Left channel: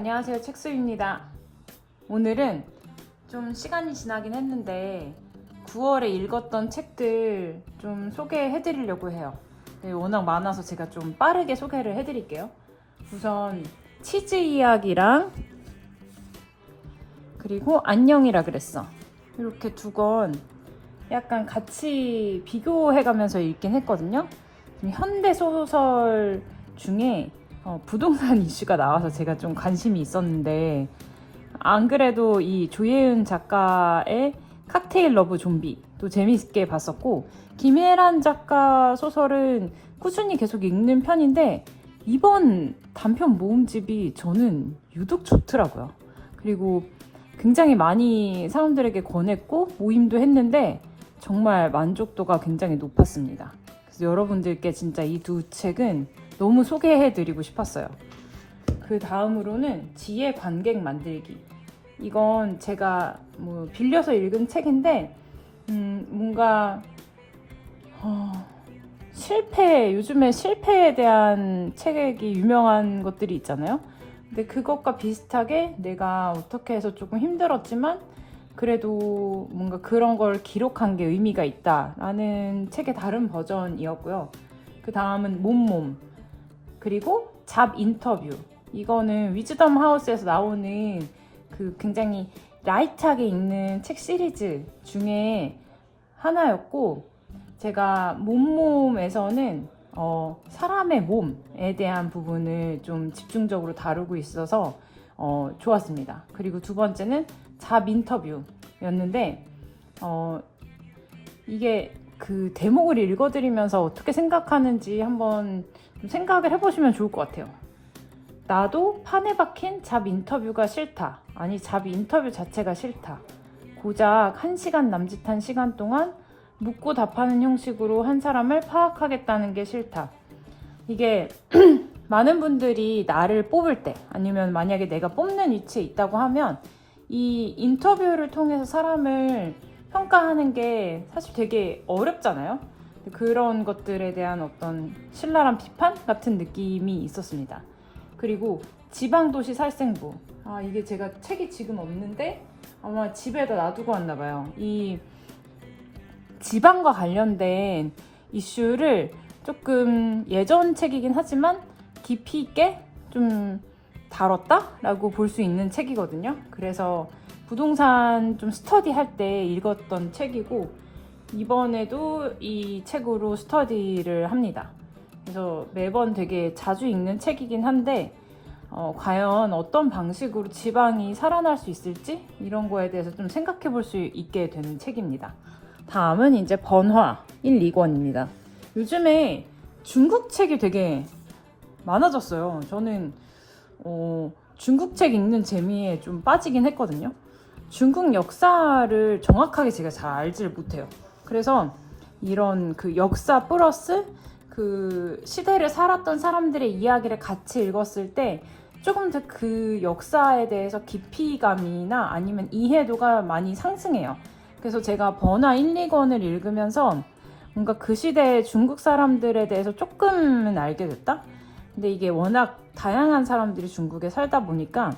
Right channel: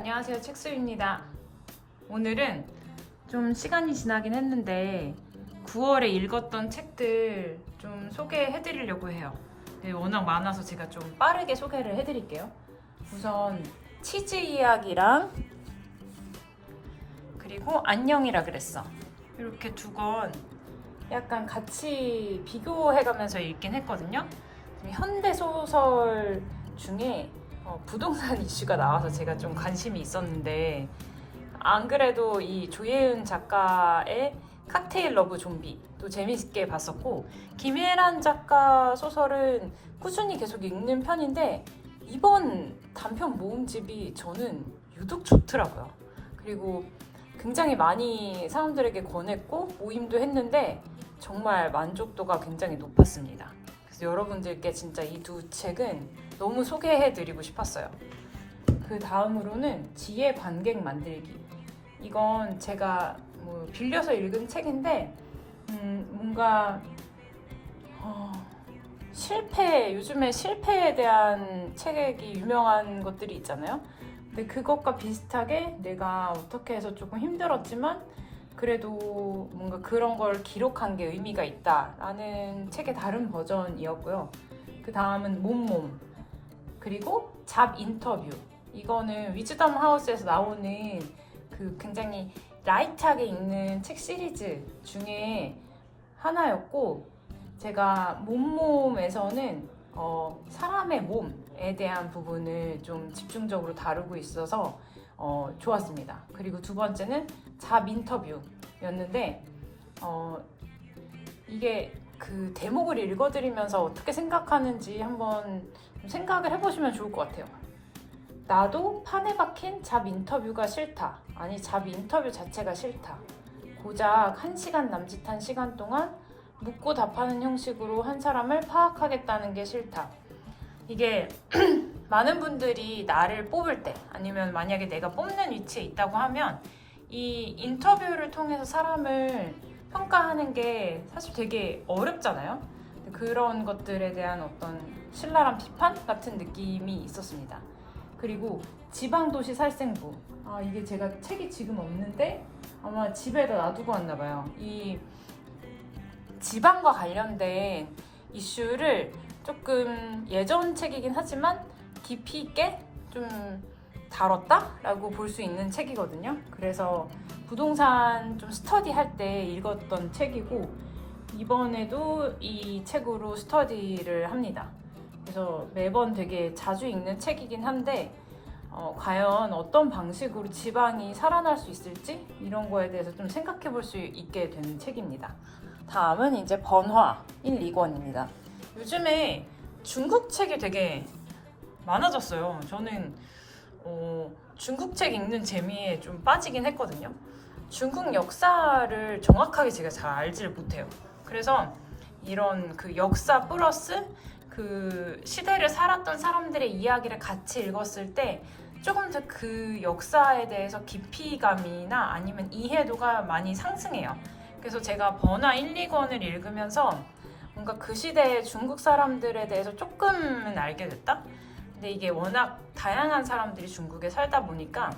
안녕하세요. 책수입니다. 오늘은 좀 시간이 지나긴 했는데 9월에 읽었던 책들 좀 소개해 드리려고 해요. 네, 워낙 많아서 제가 좀 빠르게 소개를 해 드릴게요. 우선 치즈 이야기랑 그리고 안녕이라 그랬어. 이렇게 두 권 약간 같이 비교해 가면서 읽긴 했거든요. 현대 소설 중에 부동산 이슈가 나와서 제가 좀 관심이 있었는데, 안 그래도 이 조예은 작가의 칵테일 러브 좀비도 재밌게 봤었고, 김혜란 작가 소설은 꾸준히 계속 읽는 편인데 이번 단편 모음집이 저는 유독 좋더라고요. 그리고 굉장히 많이 사람들에게 권했고 모임도 했는데 정말 만족도가 굉장히 높았습니다. 그래서 여러분들께 진짜 이 두 책은 너무 소개해드리고 싶었어요. 그 다음으로는 지혜 관객 만들기. 이건 제가 빌려서 읽은 책인데 뭔가 요즘에 실패에 대한 책이 유명한 것들이 있잖아요. 근데 그것과 비슷하게 내가 어떻게 해서 조금 힘들었지만 그래도 뭔가 그런 걸 기록한 게 의미가 있다라는 책의 다른 버전이었고요. 그 다음은 몸몸, 그리고 잡 인터뷰. 이거는 위즈덤 하우스에서 나오는 그 굉장히 라이트하게 읽는 책 시리즈 중에 하나였고, 제가 몸몸에서는 사람의 몸에 대한 부분을 좀 집중적으로 다루고 있어서 좋았습니다. 그리고 두 번째는 잡 인터뷰였는데 이게 그 대목을 읽어드리면서 어떻게 생각하는지 한번 생각을 해보시면 좋을 것 같아요. 나도 판에 박힌 잡 인터뷰가 싫다. 아니, 잡 인터뷰 자체가 싫다. 고작 1시간 남짓한 시간 동안 묻고 답하는 형식으로 한 사람을 파악하겠다는 게 싫다. 이게 많은 분들이 나를 뽑을 때, 아니면 만약에 내가 뽑는 위치에 있다고 하면 이 인터뷰를 통해서 사람을 평가하는 게 사실 되게 어렵잖아요. 그런 것들에 대한 어떤 신랄한 비판 같은 느낌이 있었습니다. 그리고 지방도시 살생부. 이게 제가 책이 지금 없는데 아마 집에다 놔두고 왔나 봐요. 이 지방과 관련된 이슈를 조금 예전 책이긴 하지만 깊이 있게 좀 다뤘다라고 볼 수 있는 책이거든요. 그래서 부동산 좀 스터디할 때 읽었던 책이고, 이번에도 이 책으로 스터디를 합니다. 그래서 매번 되게 자주 읽는 책이긴 한데 과연 어떤 방식으로 지방이 살아날 수 있을지 이런 거에 대해서 좀 생각해 볼 수 있게 되는 책입니다. 다음은 이제 번화 1, 2권입니다. 요즘에 중국 책이 되게 많아졌어요. 저는 중국 책 읽는 재미에 좀 빠지긴 했거든요. 중국 역사를 정확하게 제가 잘 알지를 못해요. 그래서 이런 그 역사 플러스 그 시대를 살았던 사람들의 이야기를 같이 읽었을 때 조금 더 그 역사에 대해서 깊이감이나 아니면 이해도가 많이 상승해요. 그래서 제가 번화 1, 2권을 읽으면서 뭔가 그 시대의 중국 사람들에 대해서 조금은 알게 됐다? 근데 이게 워낙 다양한 사람들이 중국에 살다 보니까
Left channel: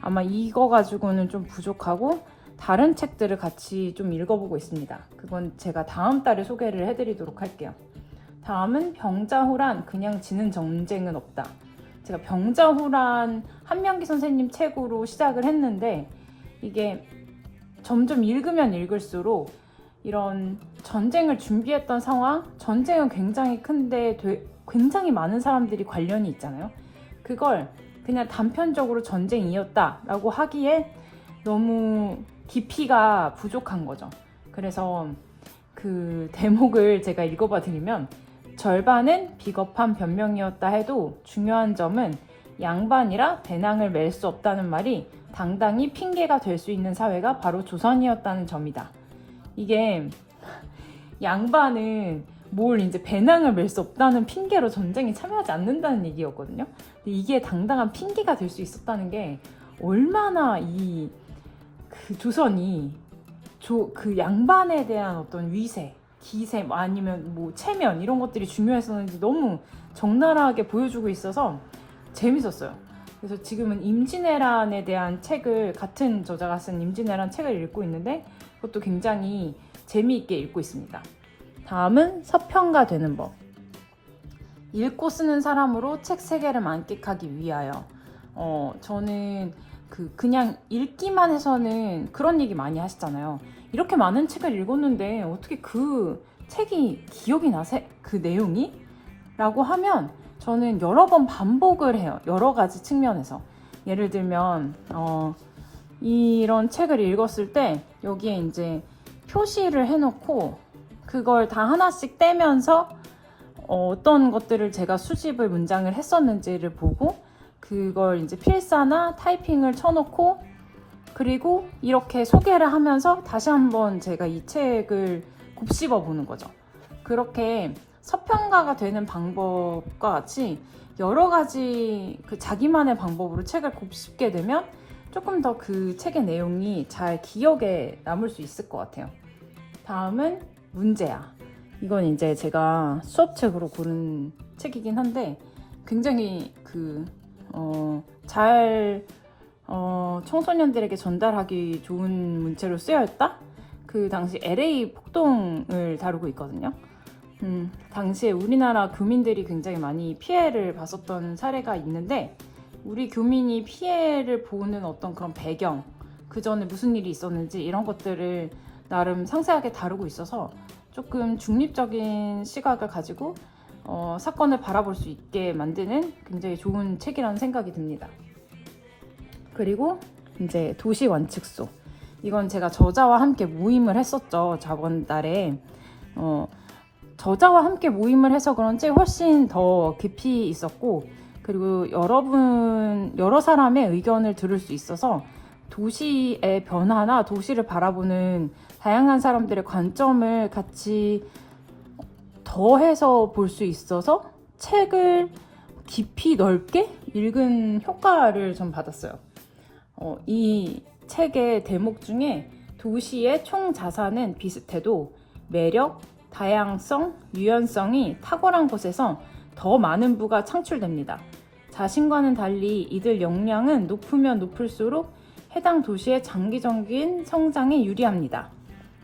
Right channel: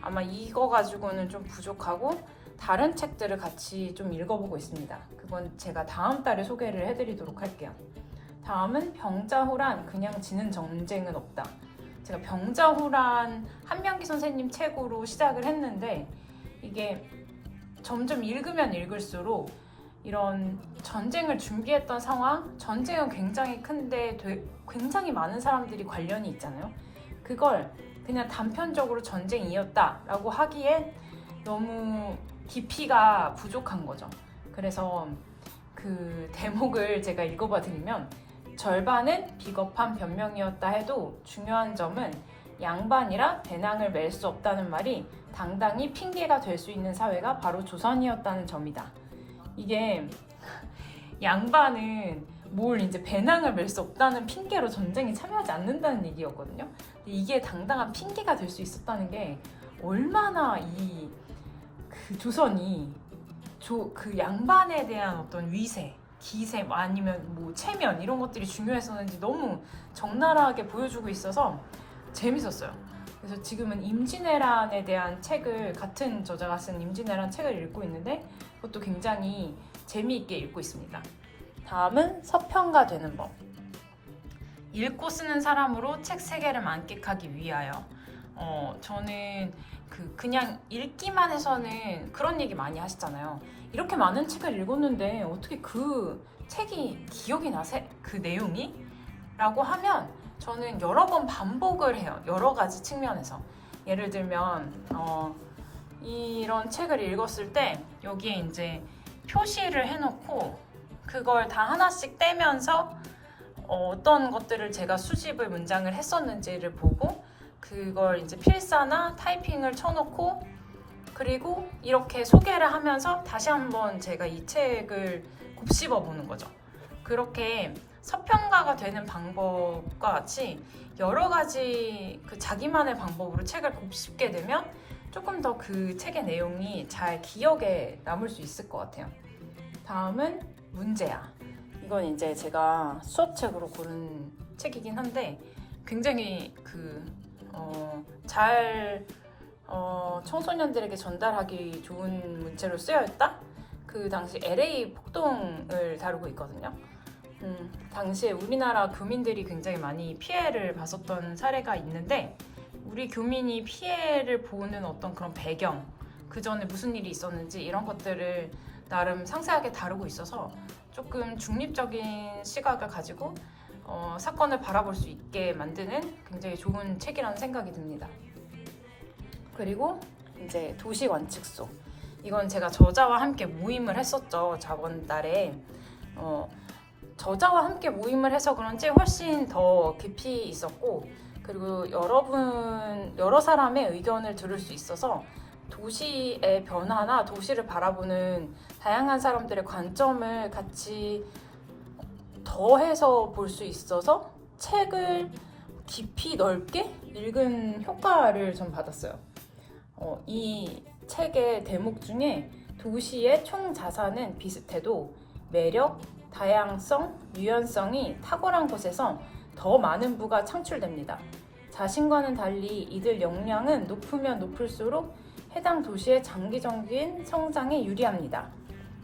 아마 이거 가지고는 좀 부족하고 다른 책들을 같이 좀 읽어보고 있습니다. 그건 제가 다음 달에 소개를 해드리도록 할게요. 다음은 병자호란 그냥 지는 전쟁은 없다. 제가 병자호란 한명기 선생님 책으로 시작을 했는데 이게 점점 읽으면 읽을수록 이런 전쟁을 준비했던 상황, 전쟁은 굉장히 큰데 굉장히 많은 사람들이 관련이 있잖아요. 그걸 그냥 단편적으로 전쟁이었다라고 하기에 너무 깊이가 부족한 거죠. 그래서 그 대목을 제가 읽어봐 드리면, 절반은 비겁한 변명이었다 해도 중요한 점은 양반이라 배낭을 멜 수 없다는 말이 당당히 핑계가 될 수 있는 사회가 바로 조선이었다는 점이다. 이게 양반은 뭘 이제 배낭을 멜 수 없다는 핑계로 전쟁에 참여하지 않는다는 얘기였거든요. 근데 이게 당당한 핑계가 될 수 있었다는 게 얼마나 그 조선이 그 양반에 대한 어떤 위세, 기세, 아니면 뭐 체면 이런 것들이 중요했었는지 너무 적나라하게 보여주고 있어서 재밌었어요. 그래서 지금은 임진왜란에 대한 책을, 같은 저자가 쓴 임진왜란 책을 읽고 있는데 그것도 굉장히 재미있게 읽고 있습니다. 다음은 서평가 되는 법. 읽고 쓰는 사람으로 책 세계를 만끽하기 위하여. 저는 그냥 읽기만 해서는 그런 얘기 많이 하시잖아요. 이렇게 많은 책을 읽었는데 어떻게 그 책이 기억이 나세? 그 내용이? 라고 하면 저는 여러 번 반복을 해요. 여러 가지 측면에서. 예를 들면 이런 책을 읽었을 때 여기에 이제 표시를 해놓고 그걸 다 하나씩 떼면서 어떤 것들을 제가 수집을 문장을 했었는지를 보고 그걸 이제 필사나 타이핑을 쳐놓고 그리고 이렇게 소개를 하면서 다시 한번 제가 이 책을 곱씹어 보는 거죠. 그렇게 서평가가 되는 방법과 같이 여러 가지 자기만의 방법으로 책을 곱씹게 되면 조금 더 그 책의 내용이 잘 기억에 남을 수 있을 것 같아요. 다음은 문제야. 이건 이제 제가 수업책으로 고른 책이긴 한데 굉장히 잘 청소년들에게 전달하기 좋은 문체로 쓰여있다? 그 당시 LA 폭동을 다루고 있거든요. 당시에 우리나라 교민들이 굉장히 많이 피해를 봤었던 사례가 있는데 우리 교민이 피해를 보는 어떤 그런 배경, 그 전에 무슨 일이 있었는지 이런 것들을 나름 상세하게 다루고 있어서 조금 중립적인 시각을 가지고 사건을 바라볼 수 있게 만드는 굉장히 좋은 책이라는 생각이 듭니다. 그리고 이제 도시 완축소. 이건 제가 저자와 함께 모임을 했었죠. 저번 달에. 저자와 함께 모임을 해서 그런지 훨씬 더 깊이 있었고 그리고 여러 사람의 의견을 들을 수 있어서 도시의 변화나 도시를 바라보는 다양한 사람들의 관점을 같이 더해서 볼 수 있어서 책을 깊이 넓게 읽은 효과를 좀 받았어요. 이 책의 대목 중에 도시의 총 자산은 비슷해도 매력, 다양성, 유연성이 탁월한 곳에서 더 많은 부가 창출됩니다. 자신과는 달리 이들 역량은 높으면 높을수록 해당 도시의 장기적인 성장에 유리합니다.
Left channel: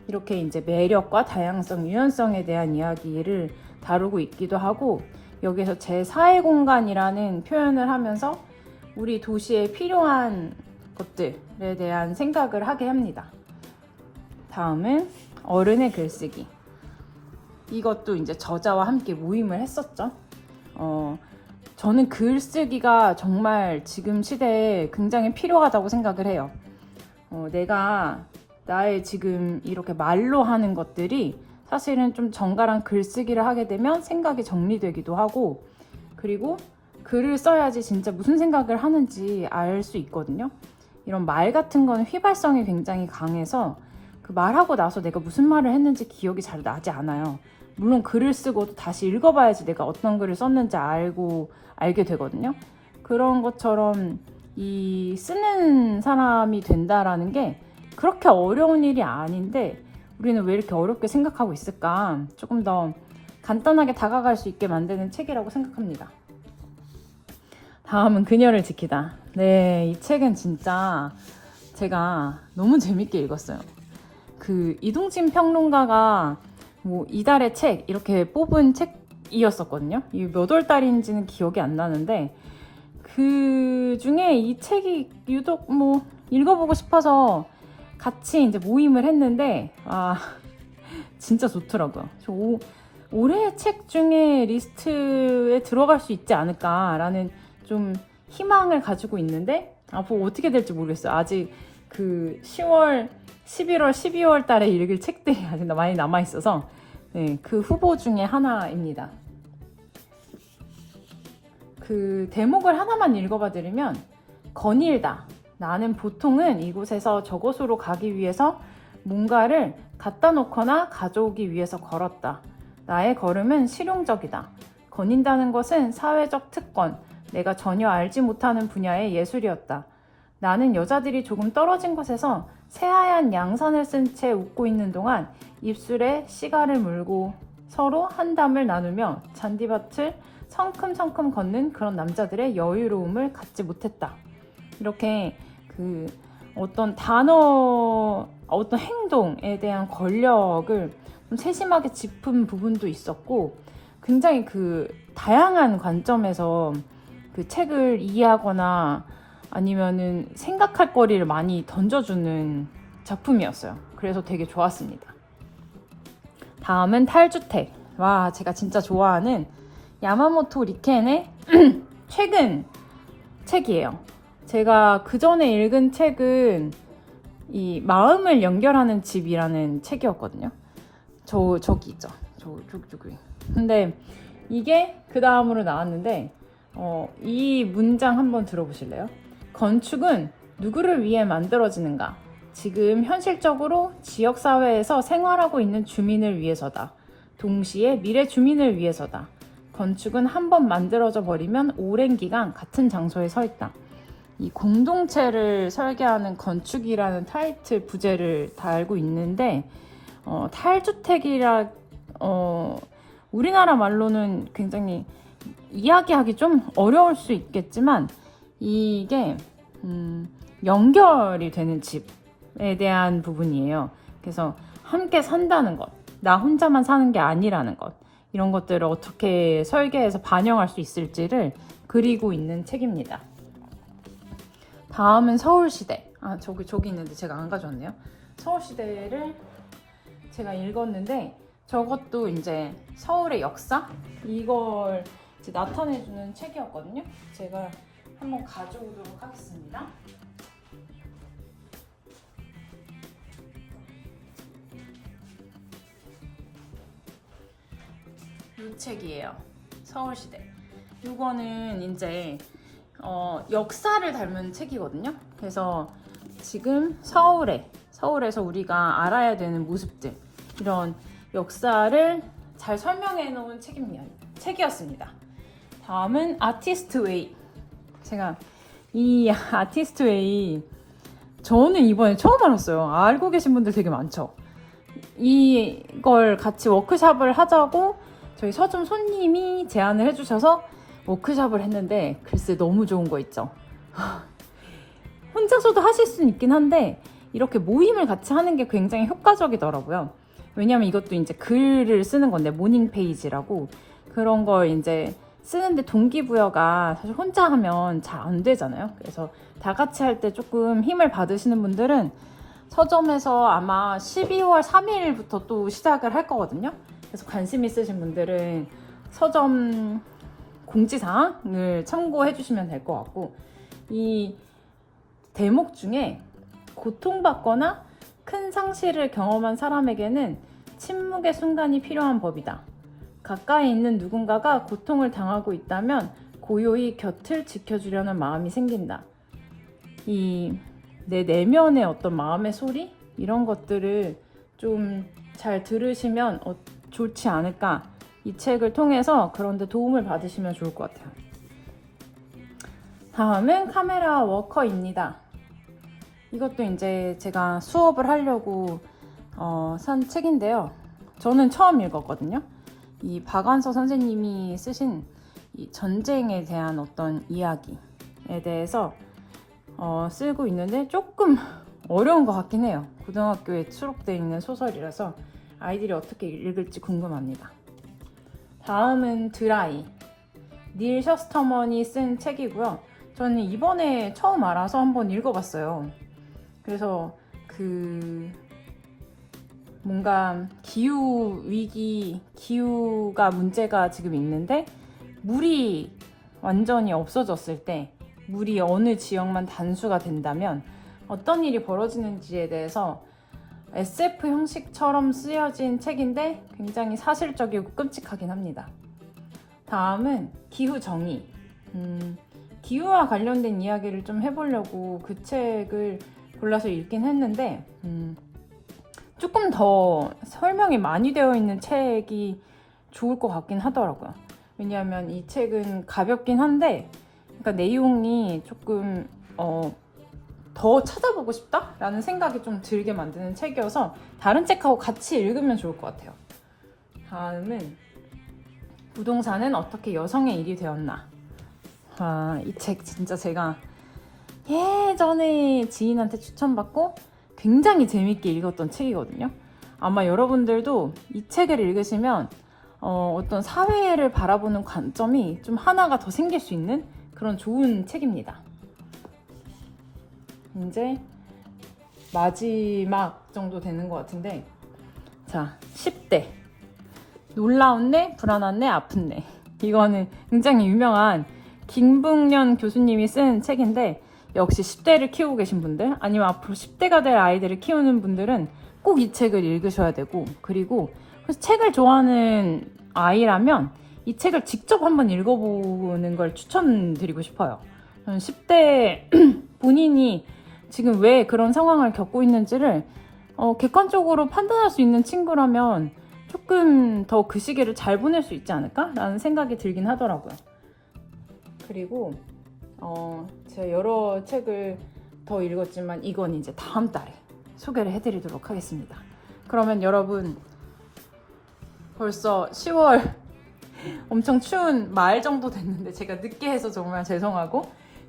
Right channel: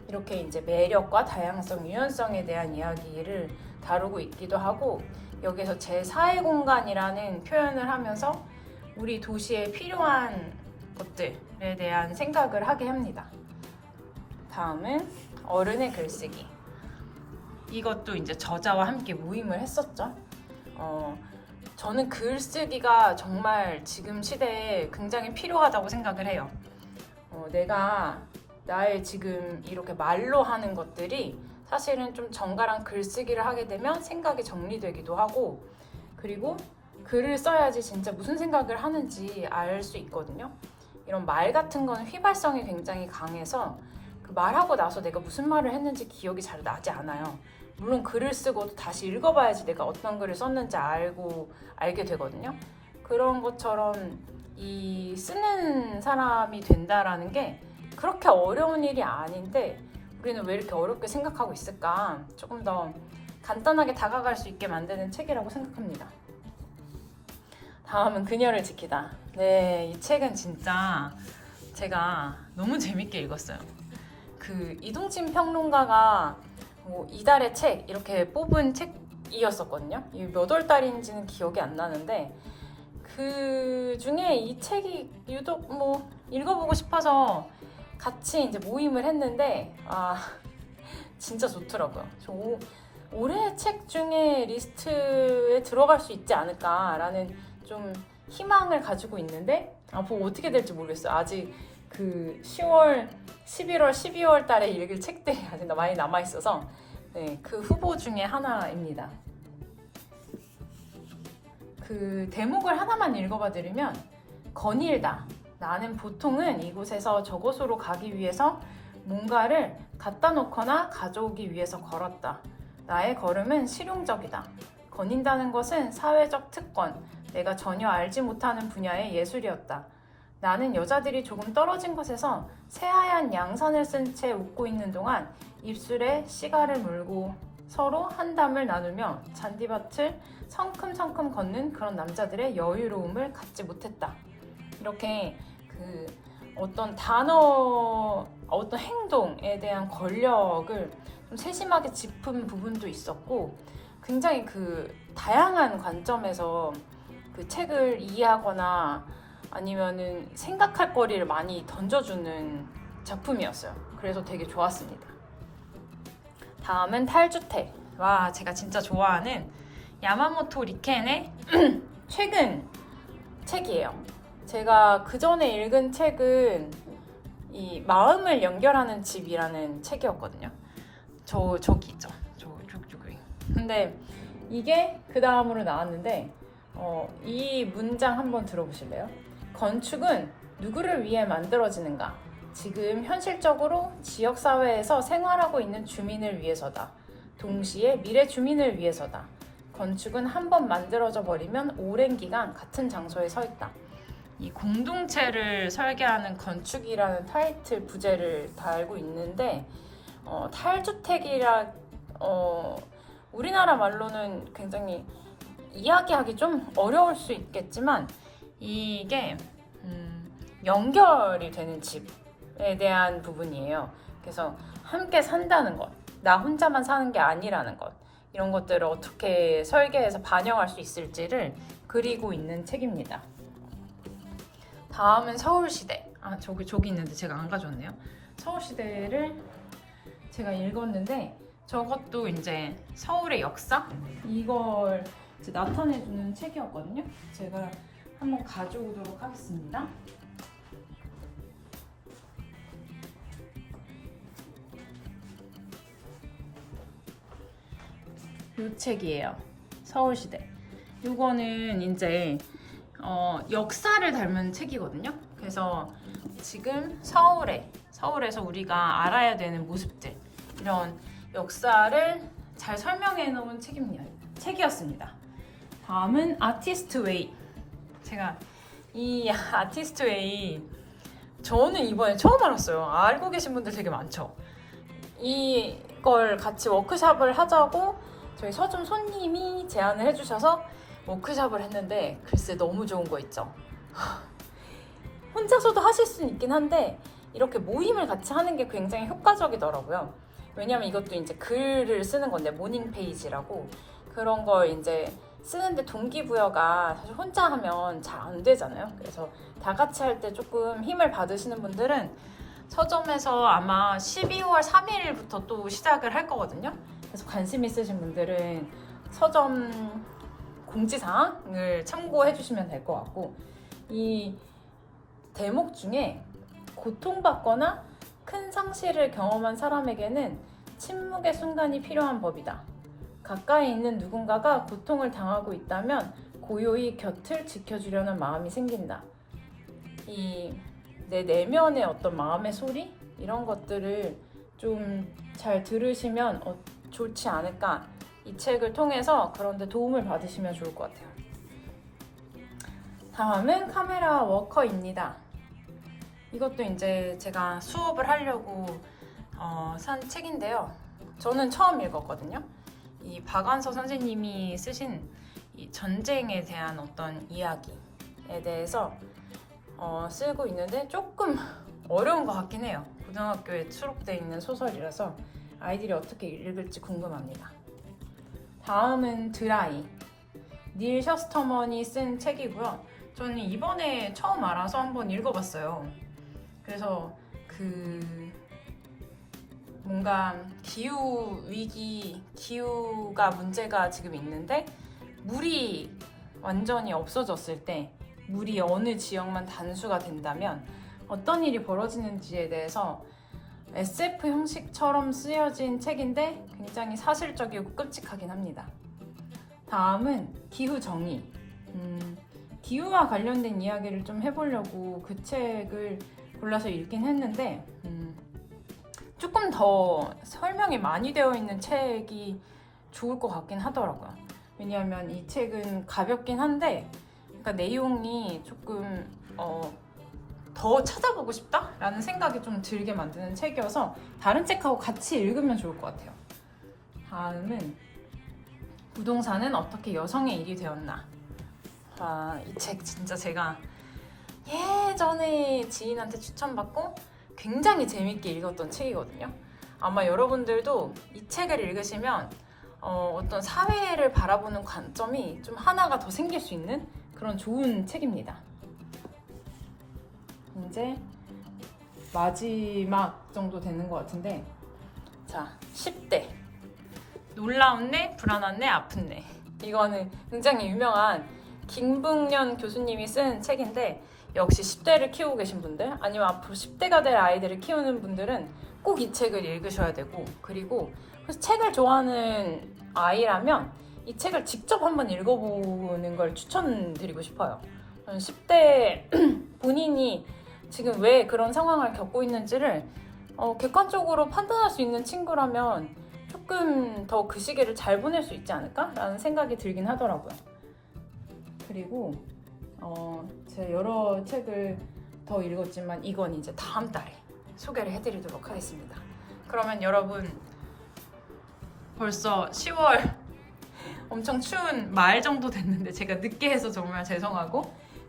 이렇게 이제 매력과 다양성, 유연성에 대한 이야기를 다루고 있기도 하고 여기서 제4의 공간이라는 표현을 하면서 우리 도시에 필요한 것들에 대한 생각을 하게 합니다. 다음은 어른의 글쓰기. 이것도 이제 저자와 함께 모임을 했었죠. 저는 글쓰기가 정말 지금 시대에 굉장히 필요하다고 생각을 해요. 내가 나의 지금 이렇게 말로 하는 것들이 사실은 좀 정갈한 글쓰기를 하게 되면 생각이 정리되기도 하고 그리고 글을 써야지 진짜 무슨 생각을 하는지 알 수 있거든요. 이런 말 같은 거는 휘발성이 굉장히 강해서 그 말하고 나서 내가 무슨 말을 했는지 기억이 잘 나지 않아요. 물론 글을 쓰고도 다시 읽어봐야지 내가 어떤 글을 썼는지 알게 되거든요. 그런 것처럼 이 쓰는 사람이 된다라는 게 그렇게 어려운 일이 아닌데 우리는 왜 이렇게 어렵게 생각하고 있을까? 조금 더 간단하게 다가갈 수 있게 만드는 책이라고 생각합니다. 다음은 그녀를 지키다. 네, 이 책은 진짜 제가 너무 재밌게 읽었어요. 이동진 평론가가 이달의 책 이렇게 뽑은 책이었었거든요. 이게 몇 월 달인지는 기억이 안 나는데 그 중에 이 책이 유독 읽어보고 싶어서 같이 이제 모임을 했는데 진짜 좋더라고요. 저 올해 책 중에 리스트에 들어갈 수 있지 않을까라는 좀 희망을 가지고 있는데 앞으로 어떻게 될지 모르겠어요. 아직 10월, 11월, 12월 달에 읽을 책들이 아직 많이 남아있어서 네, 그 후보 중에 하나입니다. 그 대목을 하나만 읽어봐 드리면 거닐다. 나는 보통은 이곳에서 저곳으로 가기 위해서 뭔가를 갖다 놓거나 가져오기 위해서 걸었다. 나의 걸음은 실용적이다. 거닌다는 것은 사회적 특권, 내가 전혀 알지 못하는 분야의 예술이었다. 나는 여자들이 조금 떨어진 곳에서 새하얀 양산을 쓴 채 웃고 있는 동안 입술에 시가를 물고 서로 한담을 나누며 잔디밭을 성큼성큼 걷는 그런 남자들의 여유로움을 갖지 못했다. 이렇게 그 어떤 단어, 어떤 행동에 대한 권력을 좀 세심하게 짚은 부분도 있었고, 굉장히 그 다양한 관점에서 그 책을 이해하거나 아니면은 생각할 거리를 많이 던져주는 작품이었어요. 그래서 되게 좋았습니다. 다음은 탈주택. 와, 제가 진짜 좋아하는 야마모토 리켄의 최근 책이에요. 제가 그 전에 읽은 책은 이 마음을 연결하는 집이라는 책이었거든요. 저기 있죠. 저기. 근데 이게 그 다음으로 나왔는데 이 문장 한번 들어보실래요? 건축은 누구를 위해 만들어지는가? 지금 현실적으로 지역사회에서 생활하고 있는 주민을 위해서다. 동시에 미래 주민을 위해서다. 건축은 한번 만들어져 버리면 오랜 기간 같은 장소에 서 있다. 이 공동체를 설계하는 건축이라는 타이틀 부제를 달고 있는데 탈주택이라 우리나라 말로는 굉장히 이야기하기 좀 어려울 수 있겠지만 이게 연결이 되는 집에 대한 부분이에요. 그래서 함께 산다는 것, 나 혼자만 사는 게 아니라는 것, 이런 것들을 어떻게 설계해서 반영할 수 있을지를 그리고 있는 책입니다. 다음은 서울시대. 저기 있는데 제가 안 가져왔네요. 서울시대를 제가 읽었는데 저것도 이제 서울의 역사? 이걸 이제 나타내주는 책이었거든요. 제가 한번 가져오도록 하겠습니다. 이 책이에요. 서울시대. 이거는 이제 역사를 닮은 책이거든요. 그래서 지금 서울에서 우리가 알아야 되는 모습들, 이런 역사를 잘 설명해 놓은 책이었습니다. 다음은 아티스트 웨이. 제가 이 아티스트 웨이 저는 이번에 처음 알았어요. 알고 계신 분들 되게 많죠. 이걸 같이 워크샵을 하자고 저희 서점 손님이 제안을 해주셔서 워크샵을 했는데 글쎄 너무 좋은 거 있죠. 혼자서도 하실 수는 있긴 한데 이렇게 모임을 같이 하는 게 굉장히 효과적이더라고요. 왜냐면 이것도 이제 글을 쓰는 건데 모닝 페이지라고 그런 걸 이제 쓰는데 동기부여가 사실 혼자 하면 잘 안 되잖아요. 그래서 다 같이 할 때 조금 힘을 받으시는 분들은 서점에서 아마 12월 3일부터 또 시작을 할 거거든요. 그래서 관심 있으신 분들은 서점 공지사항을 참고해 주시면 될 것 같고, 이 대목 중에 고통받거나 큰 상실을 경험한 사람에게는 침묵의 순간이 필요한 법이다. 가까이 있는 누군가가 고통을 당하고 있다면 고요히 곁을 지켜주려는 마음이 생긴다. 이 내 내면의 어떤 마음의 소리? 이런 것들을 좀 잘 들으시면 좋지 않을까. 이 책을 통해서 그런데 도움을 받으시면 좋을 것 같아요. 다음은 카메라 워커입니다. 이것도 이제 제가 수업을 하려고 산 책인데요. 저는 처음 읽었거든요. 이 박완서 선생님이 쓰신 이 전쟁에 대한 어떤 이야기에 대해서 쓰고 있는데 조금 어려운 것 같긴 해요. 고등학교에 수록되어 있는 소설이라서 아이들이 어떻게 읽을지 궁금합니다. 다음은 드라이. 닐 셔스터먼이 쓴 책이고요. 저는 이번에 처음 알아서 한번 읽어봤어요. 그래서 뭔가 기후가 문제가 지금 있는데 물이 완전히 없어졌을 때 물이 어느 지역만 단수가 된다면 어떤 일이 벌어지는지에 대해서 SF 형식처럼 쓰여진 책인데 굉장히 사실적이고 끔찍하긴 합니다. 다음은 기후정의. 기후와 관련된 이야기를 좀 해보려고 그 책을 골라서 읽긴 했는데 조금 더 설명이 많이 되어 있는 책이 좋을 것 같긴 하더라고요. 왜냐하면 이 책은 가볍긴 한데 그러니까 내용이 조금 더 찾아보고 싶다라는 생각이 좀 들게 만드는 책이어서 다른 책하고 같이 읽으면 좋을 것 같아요. 다음은 부동산은 어떻게 여성의 일이 되었나. 이 책 진짜 제가 예전에 지인한테 추천받고 굉장히 재밌게 읽었던 책이거든요. 아마 여러분들도 이 책을 읽으시면 어떤 사회를 바라보는 관점이 좀 하나가 더 생길 수 있는 그런 좋은 책입니다. 이제 마지막 정도 되는 것 같은데, 자, 10대. 놀라운 내, 불안한 내, 아픈 내. 이거는 굉장히 유명한 김북년 교수님이 쓴 책인데, 역시 10대를 키우고 계신 분들, 아니면 앞으로 10대가 될 아이들을 키우는 분들은 꼭 이 책을 읽으셔야 되고, 그리고 책을 좋아하는 아이라면 이 책을 직접 한번 읽어보는 걸 추천드리고 싶어요. 10대 본인이 지금 왜 그런 상황을 겪고 있는지를 객관적으로 판단할 수 있는 친구라면 조금 더 그 시기를 잘 보낼 수 있지 않을까? 라는 생각이 들긴 하더라고요. 그리고 제가 여러 책을 더 읽었지만 이건 이제 다음 달에 소개를 해드리도록 하겠습니다. 그러면 여러분, 벌써 10월 엄청 추운 말 정도 됐는데 제가 늦게 해서 정말 죄송하고,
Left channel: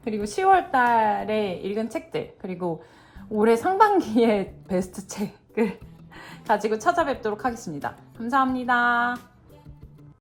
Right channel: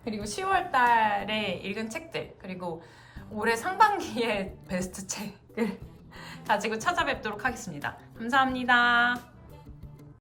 그리고 10월 달에 읽은 책들, 그리고 올해 상반기의 베스트 책을 가지고 찾아뵙도록 하겠습니다. 감사합니다.